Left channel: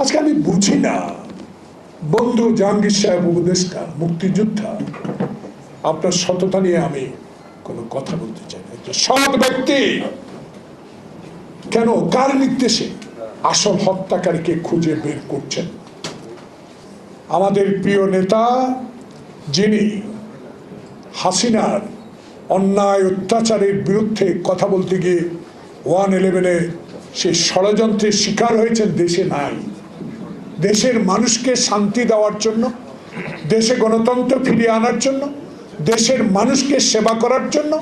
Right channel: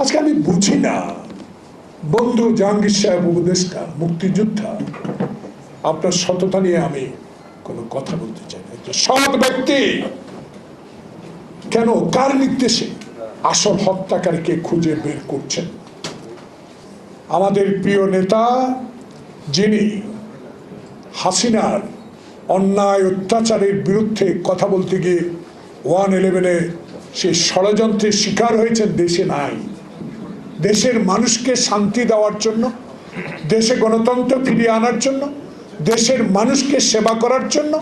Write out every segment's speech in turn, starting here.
আজকে আমি বুঝি না, বন্ধু জাহাঙ্গীর সাহেব উপদেষ্টা মুক্তিযোদ্ধা, আপনার সততা নিয়ে আমি কোনো কথা বলতে চাই না। একটা সৎ ব্যক্তি কেন, কার নির্দেশে আসল হত্যাকারীকে খুঁজে বের করছেন? আমাদের প্রিয় নেতা, যিনি হাসিনা অন্যায় অত্যাচারের বিরুদ্ধে কথা বলতে গিয়ে 111-এ সেই ষড়যন্ত্রের শিকার হয়েছেন, দেশে নাই। দেশের মানুষকে শান্তি দেওয়ার জন্য, দেশে গণতন্ত্র ফিরিয়ে আনার জন্য, দেশের মানুষকে সেবা করার জন্য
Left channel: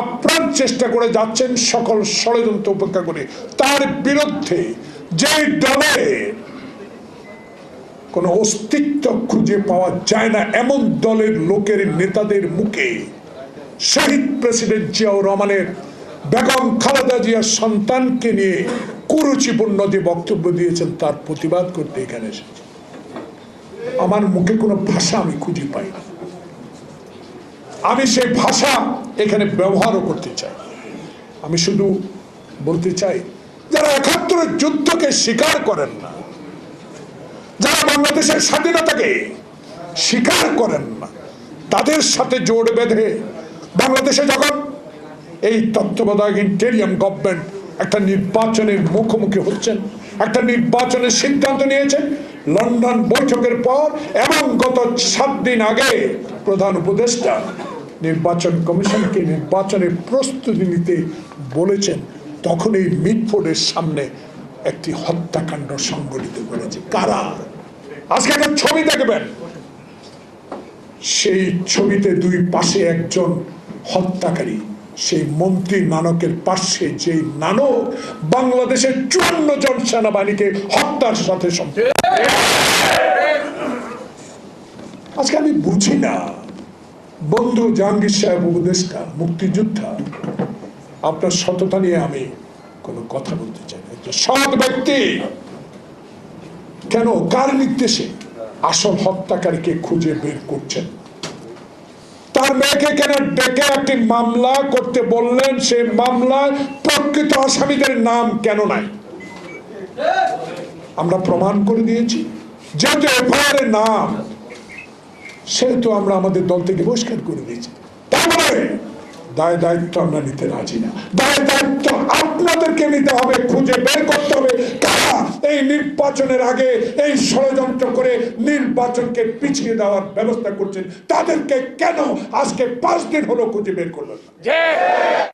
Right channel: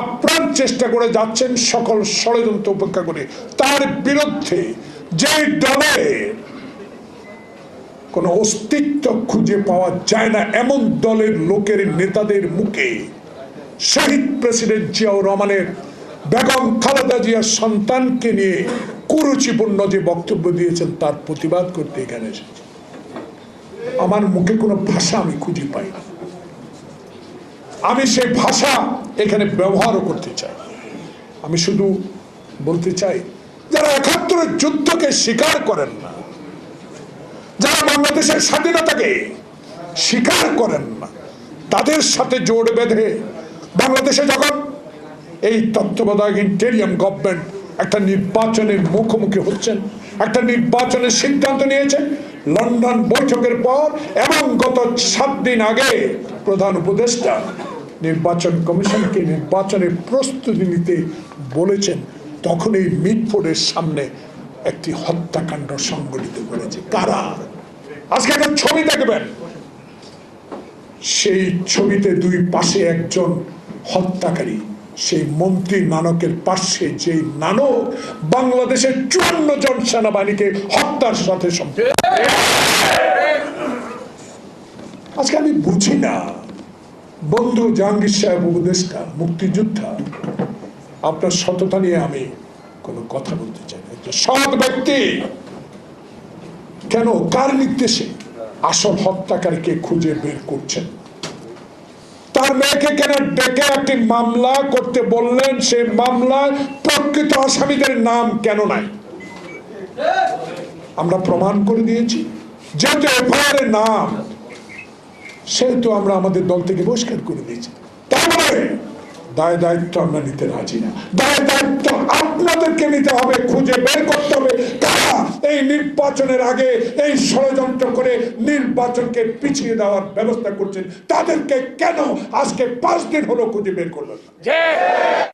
আপ্রাণ চেষ্টা করে যাচ্ছেন, সকল ষড়যন্ত্র উপেক্ষা করে। তার বিরুদ্ধে যে দলে কোনো অস্তিত্ব খুঁজে পাওয়া যায় না, এমন দলের লোকের নেতাদের মুখে শহীদ প্রেসিডেন্ট জিয়াউর রহমানের বেগম খালেদা জিয়ার সন্তানকে নিয়ে কুরুচিপূর্ণ যে বক্তব্য দিয়েছেন, তার প্রতিবাদ করতে এখানে এসেছে। আমার মুখে কোনো ভাষা আমি খুঁজে পাই না, আমি সেই ভাষা এখানে ব্যবহারও করতে চাই। আমি শুধু বলতে চাই, যারা ৭১-এর যুদ্ধকে স্বীকার করেন না, যারা বাংলাদেশের স্বাধীনতাকে স্বীকার করেন না, তাদের সাথে জোট বেঁধে বাংলাদেশে যখন এই তত্ত্বাবধায়ক ইন্টেরিয়াম গভর্নমেন্ট একটা নির্বাচনের মুখোমুখি হচ্ছেন, একটা নির্বাচনের সিদ্ধান্ত নিয়েছেন লন্ডন বৈঠকের পর, এবং গত ৭ দিন আগে প্রধান উপদেষ্টা নির্বাচন কমিশনকে নির্বাচনের প্রস্তুতি নিতে বলেছেন, তখন এই মিটফোর্ডের সামনে একটি হত্যাকাণ্ড সংঘটিত করেছে। কারা? আজকে একটা ছবি দেখবেন, সেই ছবিতে দুই পাশে একজন হত্যাকারী, সেই মন্ত্রী নানকের পাশে যে নানক বাংলাদেশের ৫৪ জন সেনাবাহিনীকে হত্যার সাথে আজকে আমি বুঝি না, বন্ধু জাহাঙ্গীর সাহেব উপদেষ্টা মুক্তিযোদ্ধা, আপনার সততা নিয়ে আমি কোনো কথা বলতে চাই না। একটা সৎ ব্যক্তি কেন, কার নির্দেশে আসল হত্যাকারীকে খুঁজে বের করছেন? তার মেয়েকে কেন ডেকে একটি মামলা করতে বললেন? সেই মামলায় প্রকৃত আসামিদের নাম কেন নাই? আমরা প্রমাণ করে দিয়েছি, যেহেতু এফআইআরের নাম, সেহেতু আমরা আমাদের দল থেকে বহিষ্কার করে দিয়েছি। তারপরে দায় দায়িত্ব আমরা নিতে রাজি না। দায় দায়িত্ব আপনাদেরকে নিতে হবে, খুঁজে বের করতে হবে কারা এই নির্বাচনের আগে এই ষড়যন্ত্র করে নির্বাচনকে পিছিয়ে দেওয়ার ব্যবস্থা করছেন। তাদেরকে কেন আজকে 5 দিন হলো খুঁজে বের করলেন?